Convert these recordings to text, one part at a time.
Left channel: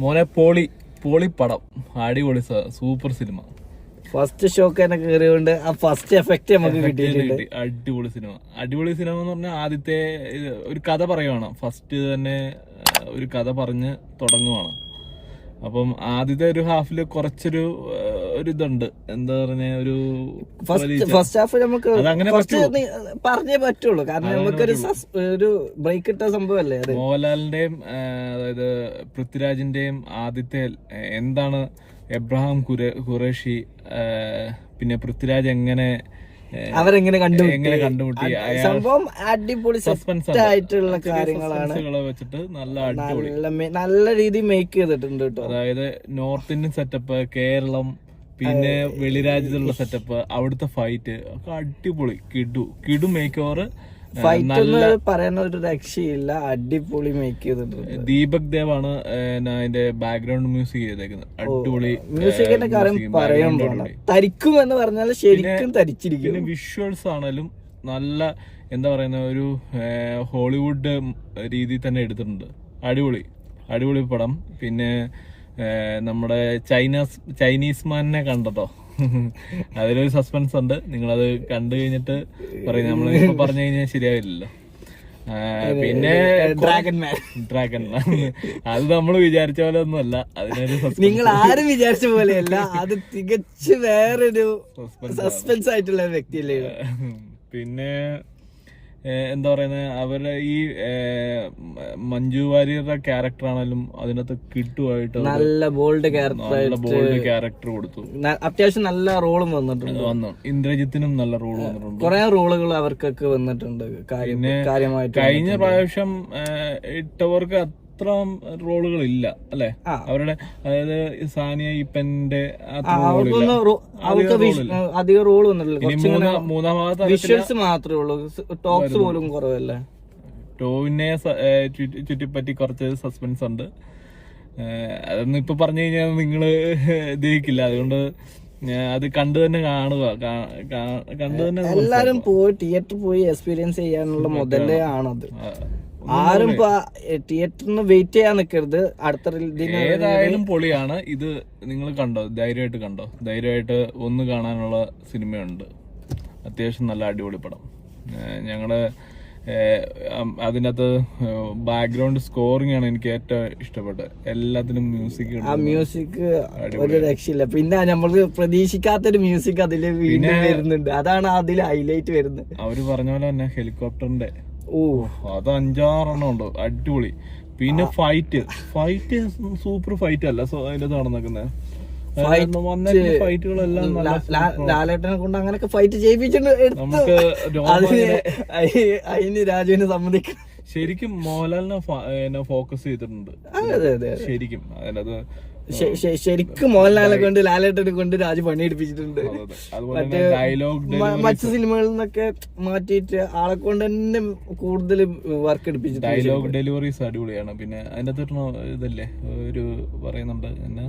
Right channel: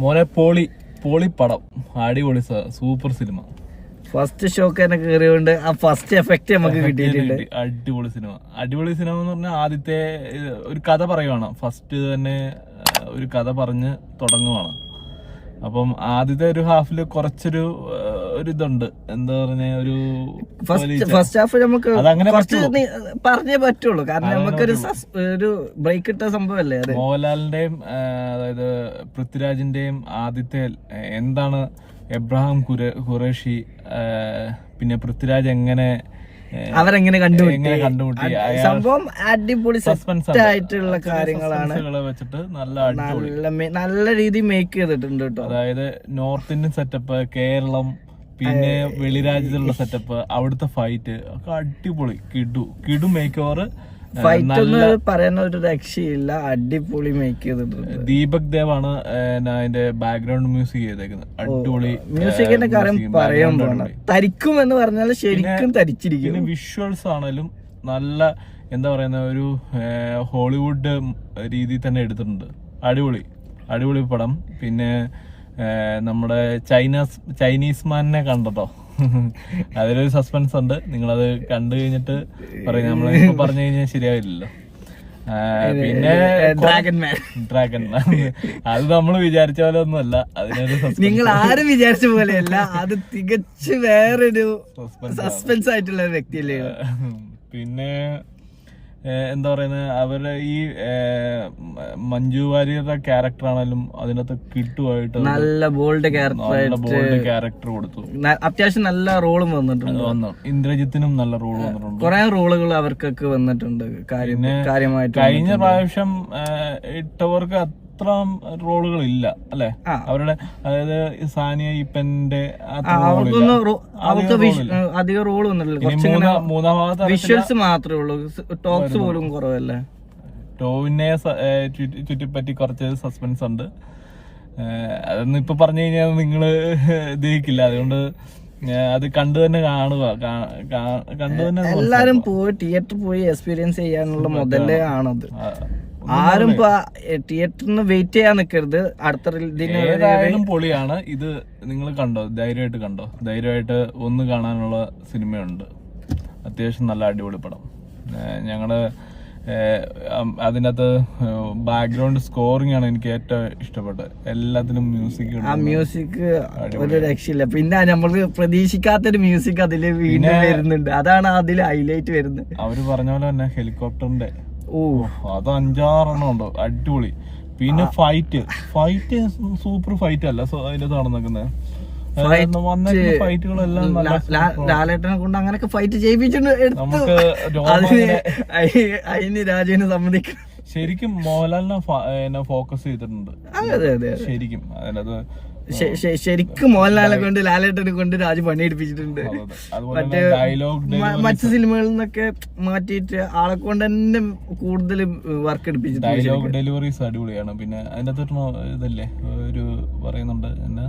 മോനെ പോളി പടം, അടിപൊളി സൂപ്പർ സിനിമ. ഫസ്റ്റ് ഷോക്ക് തന്നെ കയറിയോണ്ട് ആ ഫസ്റ്റ് എഫക്ട് നമുക്ക് കിട്ടിയിട്ടുണ്ട്. അടിപൊളി സിനിമ എന്ന് പറഞ്ഞാൽ ആദ്യത്തെ ഒരു കഥ പറയുവാണ്. ഫസ്റ്റ് തന്നെ ഒരു കഥ പറഞ്ഞ് തുടങ്ങുവാണ്. അപ്പം ആദ്യത്തെ ഒരു ഹാഫില് കുറച്ചൊരു ഇതുണ്ട്, എന്താ പറഞ്ഞ ഒരു ഫസ്റ്റ് ഹാഫ് നമുക്ക് കുറച്ച് പറഞ്ഞേ പറ്റുള്ളൂ, കാരണം നമുക്കൊരു ബ്രേക്ക് ഇട്ട സംഭവല്ലേ അത്. മോഹൻലാലിന്റെയും അതായത് പൃഥ്വിരാജിന്റെയും ആദ്യത്തെ എന്താണ് എബ്രഹാം ഖുറേഷി, പിന്നെ പൃഥ്വിരാജ് അവരെങ്ങനെ കണ്ടുമുട്ടി സംഭവം അടിപൊളി സസ്പെൻസ് ആയിട്ടുള്ള കാര്യങ്ങളാണ് വെച്ചിട്ട് നല്ല രീതിയിൽ മേക്ക് ചെയ്തിട്ടുണ്ട് കേട്ടോ. അതായത് നോർത്ത് ഇന്ത്യൻ സെറ്റപ്പ്, കേരളം, പിന്നെ വെളിരാജ്യത്തുള്ള സെറ്റപ്പ്, അവിടുത്തെ ഫൈറ്റ് ഒക്കെ അടിപൊളി. കിടു മേക്ക് ഓവർ. ഫൈറ്റ് ഒന്നും പറയാൻ ഒരു രക്ഷയില്ല, അടിപൊളി മേക്ക് ചെയ്തിട്ടുണ്ട്. ദീപക് ദേവ് ആണ് അതിന്റെ ബാക്ക്ഗ്രൗണ്ട് മ്യൂസിക് ചെയ്തേക്കുന്നത്. അടിപൊളി മ്യൂസിക്കിന്റെ കാര്യം പറയാൻ പോകണം. തരിക്കും എന്ന് പറഞ്ഞാൽ ശരിക്കും തരിച്ചിരിക്കും. വിഷ്വൽസ് ആണെങ്കിലും നല്ല, എന്താ പറയുന്ന ഒരു ഹോളിവുഡ് രീതിയിൽ തന്നെ എടുത്തിട്ടുണ്ട്. അടിപൊളി പടം. പിന്നെ നമ്മുടെ ചൈനീസ് മാനിനെ കണ്ടോ? അതിലൊരു സസ്പെൻസ് ഉണ്ട്. നിങ്ങളത് കണ്ടു കഴിഞ്ഞിട്ട് പറയും. നമ്മളിപ്പോ പറഞ്ഞു കഴിഞ്ഞാൽ ശരിയാവില്ലല്ലോ. പിന്നെ ഡ്രാഗൺ മാൻ അത് നമ്മൾ വിചാരിച്ച പോലെ ഒന്നുമല്ല. അതിനൊരു നിങ്ങൾ ആരും വിചാരിച്ച പോലെയല്ല, അത് തികച്ച് വേറൊരു സസ്പെൻസ് ആയിട്ടുള്ള ഒരു വ്യക്തിയല്ലേ. പിന്നെ എന്താ പറയുന്നത്, അവരുടെ ഈ മഞ്ജു വാര്യരുടെ ക്യാരക്ടർ ആണെങ്കിലും അതിനകത്ത് കിട്ടുമായിട്ട് നല്ല ബോൾഡ് ക്യാരക്ടർ കൊടുത്തു. അത്യാവശ്യം നല്ല റോളും വന്നിട്ടുണ്ട്. ഇന്ദ്രജിത്തിനും നല്ല റോൾ വന്നിട്ടുണ്ട്. കുറെ റോളുകൾ അവർക്കൊക്കെ വന്നിട്ടുണ്ട് കാര്യമായിട്ട്. കഴിഞ്ഞ പ്രാവശ്യം ഇട്ടവർക്ക് അത്ര റോളുകൾ ഇല്ല അല്ലെ അവരുടെ. അതായത് സാനിയ ഇപ്പന്റെ അവർക്ക് അധികം റോൾ വന്നിട്ടില്ല. മൂന്നാം ഭാഗത്ത് വിഷ്വൽസ് മാത്രമേ ഉള്ളൂ, ടോക്സ് പോലും കുറവല്ലേ. ടോവിനെ ചുറ്റിപ്പറ്റി കുറച്ച് സസ്പെൻസ് ഉണ്ട്. അതൊന്നും ഇപ്പൊ പറഞ്ഞു കഴിഞ്ഞാൽ നിങ്ങള് ദഹിക്കില്ല. അതുകൊണ്ട് അത് കണ്ടു തന്നെ കാണുക. എല്ലാരും പോയി തിയേറ്ററിൽ പോയി എക്സ്പീരിയൻസ് ചെയ്യാനുള്ള മുതലേ ആണത്. ആരും തിയേറ്ററിന് വെയിറ്റ് ചെയ്യാൻ നിൽക്കരുത്. അടുത്ത പൊളിയാണ് ഇത്. നിങ്ങൾ കണ്ടോ? ധൈര്യമായിട്ട് ഒന്ന് കാണാനുള്ള സിനിമയുണ്ട്. അത്യാവശ്യം നല്ല അടിപൊളി പടം. ഞങ്ങള് അതിനകത്ത് ബാക്ക്ഗ്രൗണ്ട് സ്കോറിംഗ് ആണ് എനിക്ക് ഏറ്റവും ഇഷ്ടപ്പെട്ടത്. എല്ലാത്തിനും മ്യൂസിക് ഒരു രക്ഷയില്ല. പിന്നെ നമ്മൾക്ക് പ്രതീക്ഷിക്കാത്തൊരു മ്യൂസിക് അതില് വീണ്ടും വരുന്നുണ്ട്. അതാണ് അതിൽ ഹൈലൈറ്റ് വരുന്നത്. അവര് പറഞ്ഞ പോലെ തന്നെ ഹെലികോപ്റ്ററിന്റെ അത് 5-6 ഉണ്ട്. അടിപൊളി. പിന്നെ ഫൈറ്റ് സൂപ്പർ ഫൈറ്റ് അല്ല അതിനകത്ത് നടന്നിരിക്കുന്നത്. ഫൈറ്റുകളെല്ലാം ലാലേട്ടനെ കൊണ്ട് അങ്ങനൊക്കെ ഫൈറ്റ് ചെയ്യിപ്പിച്ചിട്ടുണ്ട്. അതിന് രാജുവിനെ സമ്മതിക്കണം. ശരിക്കും മോഹൻലാലിനെ ഫോക്കസ് ചെയ്തിട്ടുണ്ട്. ശരിക്കും അതിനകത്ത് ശരിക്കും മോഹൻലാലിനെ കൊണ്ട് ലാലേട്ടനെ കൊണ്ട് രാജു പണിയെടുപ്പിച്ചിട്ടുണ്ട്. മറ്റു സിനിമകളിൽ നിന്നൊക്കെ മാറ്റിയിട്ട് ആളെ കൊണ്ട് തന്നെ കൂടുതൽ വർക്ക് എടുപ്പിച്ചിട്ടുണ്ട്. ഡയലോഗ് ഡെലിവറീസ് അടിപൊളിയാണ്. പിന്നെ അതിന്റെ ഇതല്ലേ ഒരു പറയുന്നുണ്ട് എന്നാ,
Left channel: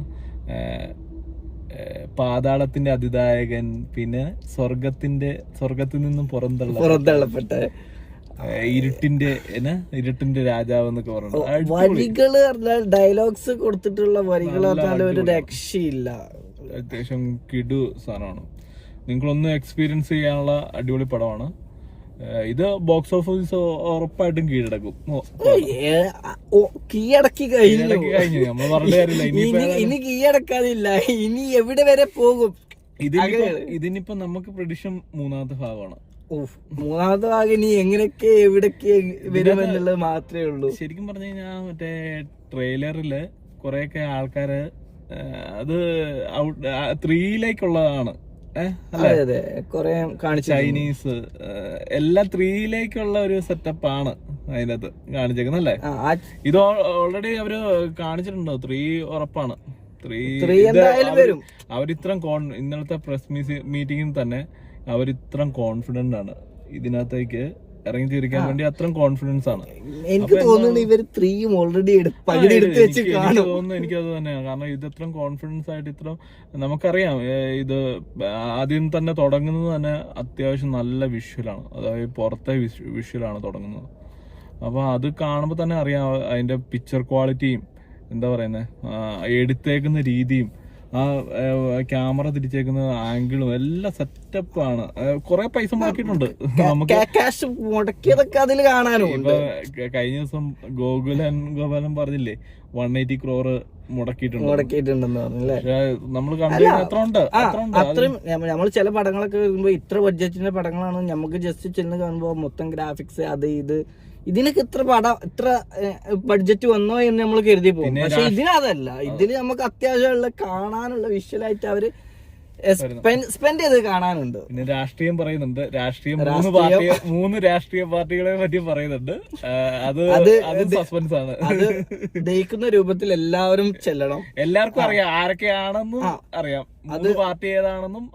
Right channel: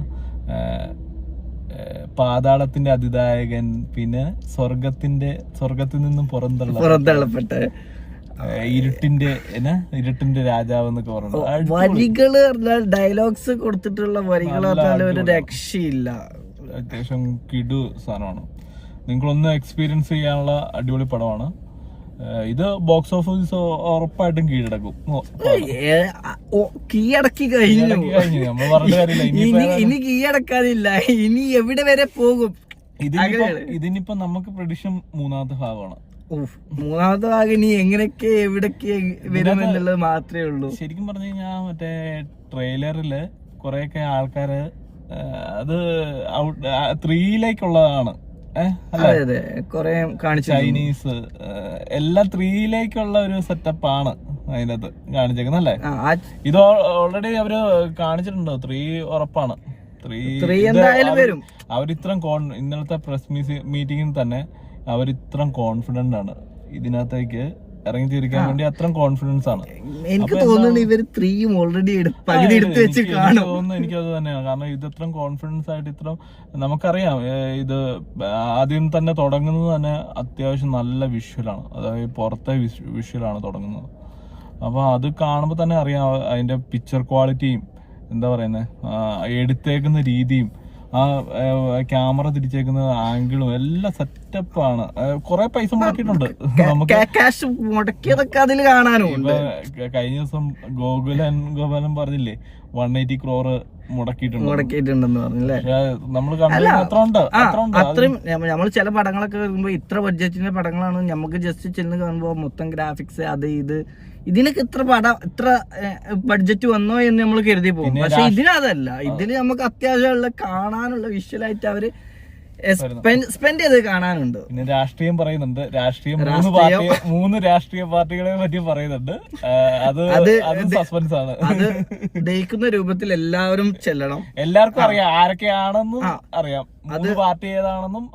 പാതാളത്തിന്റെ അതിദായകൻ, പിന്നെ സ്വർഗത്തിൽ നിന്നും പുറന്തള്ളപ്പെട്ട ഇരുട്ടിന്റെ രാജാവ് എന്നൊക്കെ പറഞ്ഞു. വരികള് പറഞ്ഞാൽ ഡയലോഗ്സ് കൊടുത്തിട്ടുള്ള വരികൾ പറഞ്ഞാൽ ഒരു രക്ഷയില്ല. അത്യാവശ്യം കിടു സാധനമാണ്. നിങ്ങളൊന്ന് എക്സ്പീരിയൻസ് ചെയ്യാനുള്ള അടിപൊളി പടമാണ് ഇത്. ബോക്സ് ഓഫീസ് ഉറപ്പായിട്ടും കീഴടക്കും. കീഴടക്കി കഴിഞ്ഞു. ഇനി കീഴടക്കാനില്ല. ഇനി എവിടെ വരെ പോകും? ഇതിനിപ്പോ നമുക്ക് പ്രഡിക്ഷൻ മൂന്നാമത്തെ ഭാഗമാണ്. മൂന്നാമത്തെ ഭാഗം ഇനി എങ്ങനെയൊക്കെ എവിടൊക്കെ വരുമെന്നുള്ളത് മാത്രമേ ഉള്ളൂ. ശരിക്കും പറഞ്ഞു കഴിഞ്ഞാൽ മറ്റേ ട്രെയിലറില് കൊറേയൊക്കെ ആൾക്കാര് അത് 3-ലേക്കുള്ളതാണ്. അതെ കൊറേ കാണിച്ചു. ചൈനീസ് എല്ലാം 3-ലേക്കുള്ള ഒരു സെറ്റപ്പ് ആണ് അതിനകത്ത് കാണിച്ചേക്കുന്നത് അല്ലേ. ഇത് ഓൾറെഡി അവര് കാണിച്ചിട്ടുണ്ടോ? 3 ഉറപ്പാണ്. 3 എന്തായാലും വരും. അവരിത്ര ഇന്നലത്തെ പ്രസ് മീറ്റിംഗിൽ തന്നെ അവരിത്ര കോൺഫിഡന്റ് ആണ് ഇതിനകത്തേക്ക് ഇറങ്ങിത്തിരിക്കാൻ വേണ്ടി. അത്ര കോൺഫിഡൻസ് ആണ്. എനിക്ക് തോന്നുന്നു ഇവര് 3 ഓൾറെഡി പകുതി എടുത്ത് വെച്ച് കാണും. എനിക്കത് തന്നെയാണ്. കാരണം ഇത് ഇത്ര കോൺഫിഡൻസ് ആയിട്ട് ഇത്ര നമുക്കറിയാം. ഇത് ആദ്യം തന്നെ തുടങ്ങുന്നത് തന്നെ അത്യാവശ്യം നല്ല വിഷ്വലാണ്. അതായത് പുറത്തെ വിഷ്വലാണ് തുടങ്ങുന്നത്. അപ്പൊ അത് കാണുമ്പോൾ തന്നെ അറിയാം അതിന്റെ പിക്ചർ ക്വാളിറ്റിയും എന്താ പറയുന്നത്, എടുത്തേക്കുന്ന രീതിയും ആ ക്യാമറ തിരിച്ചേക്കുന്ന ആംഗിളും എല്ലാം സെറ്റപ്പാണ്. കുറെ പൈസ മുടക്കിയിട്ടുണ്ട് നമുക്ക്. ക്യാഷ് മുടക്കിയതൊക്കെ അതിൽ കാണാനും ഉണ്ട്. കഴിഞ്ഞ ദിവസം ഗോപാലൻ പറഞ്ഞില്ലേ 180 crore മുടക്കിയിട്ടുണ്ടെന്ന് പറഞ്ഞല്ലേ. നമ്മൾ അത്രയും നമ്മൾ ചില പടങ്ങളൊക്കെ വരുമ്പോ ഇത്ര ബഡ്ജറ്റിന്റെ പടങ്ങളാണ് നമുക്ക് ജസ്റ്റ് ചെന്ന് കാണുമ്പോ മൊത്തം ഗ്രാഫിക്സ് അത് ഇത് ഇതിനൊക്കെ ഇത്ര ബഡ്ജറ്റ് വന്നോ എന്ന് നമ്മൾ കരുതി പോകും. പക്ഷെ ഇതിനതല്ല, ഇതില് നമുക്ക് അത്യാവശ്യമുള്ള കാണാനുള്ള വിഷ്വലായിട്ട് അവര് സ്പെൻഡ് ചെയ്ത് കാണാനുണ്ട്. രാഷ്ട്രീയം പറയുന്നുണ്ട്. മൂന്ന് രാഷ്ട്രീയ പാർട്ടികളെ പറ്റി പറയുന്നുണ്ട്. അത് സസ്പെൻസ് ആണ്. അത് ദഹിക്കുന്ന രൂപത്തിൽ എല്ലാവരും ചെല്ലണം. എല്ലാവർക്കും അറിയാം ആരൊക്കെയാണെന്നും അറിയാം. മൂന്ന് പാർട്ടി ഏതാണെന്നും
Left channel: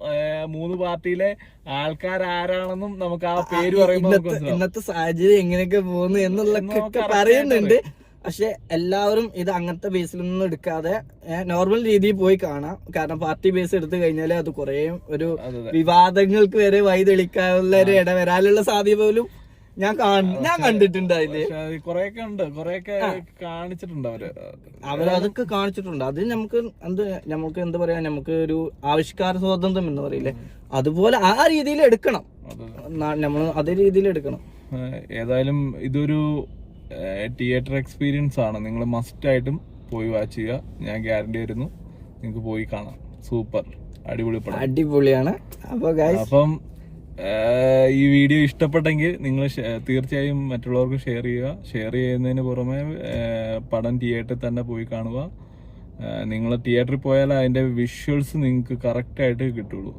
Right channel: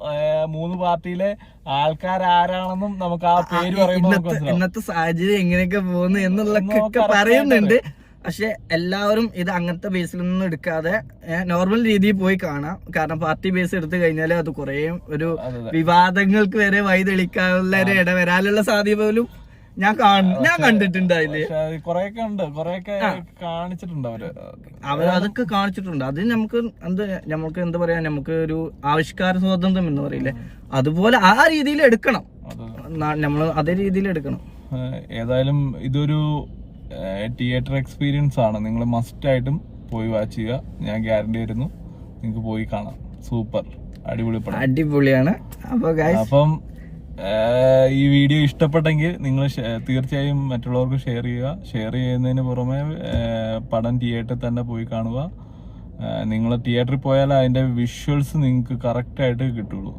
3 പാർട്ടിയിലെ ആൾക്കാരാരാണെന്നും നമുക്ക് ആ പേര് പറയുമ്പോൾ ഇന്നത്തെ സാഹചര്യം എങ്ങനെയൊക്കെ പോകുന്നു എന്നുള്ളതൊക്കെ പറയുന്നുണ്ട്. പക്ഷെ എല്ലാവരും ഇത് അങ്ങനത്തെ ബേസിലൊന്നും എടുക്കാതെ നോർമൽ രീതിയിൽ പോയി കാണാം. കാരണം പാർട്ടി ബേസ് എടുത്തു കഴിഞ്ഞാൽ അത് കുറെ ഒരു വിവാദങ്ങൾക്ക് വരെ വഴിതെളിക്കാനുള്ള ഒരു ഇടവരാനുള്ള സാധ്യത പോലും ഞാൻ കണ്ടിട്ടുണ്ട്. അതില് കൊറേയൊക്കെ കാണിച്ചിട്ടുണ്ട് അവരതൊക്കെ കാണിച്ചിട്ടുണ്ട്. അത് നമുക്ക് എന്താ പറയാ, നമുക്ക് ഒരു ആവിഷ്കാര സ്വാതന്ത്ര്യം എന്ന് പറയില്ലേ, അതുപോലെ ആ രീതിയിൽ എടുക്കണം. നമ്മള് അതേ രീതിയിൽ എടുക്കണം. ഏതായാലും ഇതൊരു തിയേറ്റർ എക്സ്പീരിയൻസ് ആണ്. നിങ്ങൾ മസ്റ്റ് ആയിട്ടും പോയി വാച്ച് ചെയ്യുക. ഞാൻ ഗ്യാരണ്ടി തരുന്നു, നിങ്ങൾക്ക് പോയി കാണാം. സൂപ്പർ അടിപൊളിയാണ്. അപ്പം ഈ വീഡിയോ ഇഷ്ടപ്പെട്ടെങ്കിൽ നിങ്ങൾ തീർച്ചയായും മറ്റുള്ളവർക്ക് ഷെയർ ചെയ്യുക. ഷെയർ ചെയ്യുന്നതിന് പുറമെ പടം തിയേറ്ററിൽ തന്നെ പോയി കാണുക. നിങ്ങൾ തിയേറ്ററിൽ പോയാൽ അതിന്റെ വിഷ്വൽസ് നിങ്ങൾക്ക് കറക്റ്റ് ആയിട്ട് കിട്ടുള്ളൂ.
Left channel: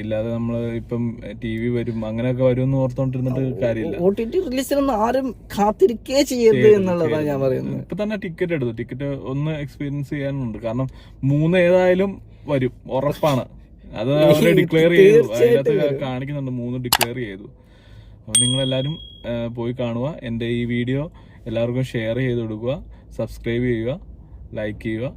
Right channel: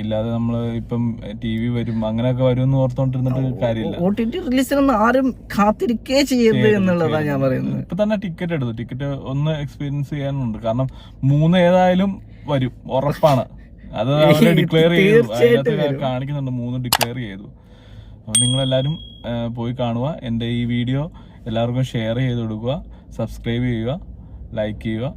ഇല്ലാതെ നമ്മൾ ഇപ്പം TV വരും അങ്ങനെയൊക്കെ വരും എന്ന് ഓർത്തോണ്ടിരുന്നിട്ട് കാര്യമില്ല. OTT റിലീസിനൊന്നും ആരും കാത്തിരിക്കേ ചെയ്യരുത് എന്നുള്ളതാണ് ഞാൻ പറയുന്നത്. ഇപ്പൊ തന്നെ ടിക്കറ്റ് എടുത്തു. ടിക്കറ്റ് ഒന്ന് എക്സ്പീരിയൻസ് ചെയ്യാനുണ്ട്. കാരണം 3 ഏതായാലും വരും, ഉറപ്പാണ്. അത് അവര് ഡിക്ലെയർ ചെയ്തു, കാണിക്കുന്നുണ്ട്. 3 ഡിക്ലെയർ ചെയ്തു. അപ്പൊ നിങ്ങളെല്ലാരും പോയി കാണുക. എന്റെ ഈ വീഡിയോ എല്ലാവർക്കും ഷെയർ ചെയ്ത് കൊടുക്കുക, സബ്സ്ക്രൈബ് ചെയ്യുക, ലൈക്ക് ചെയ്യുക.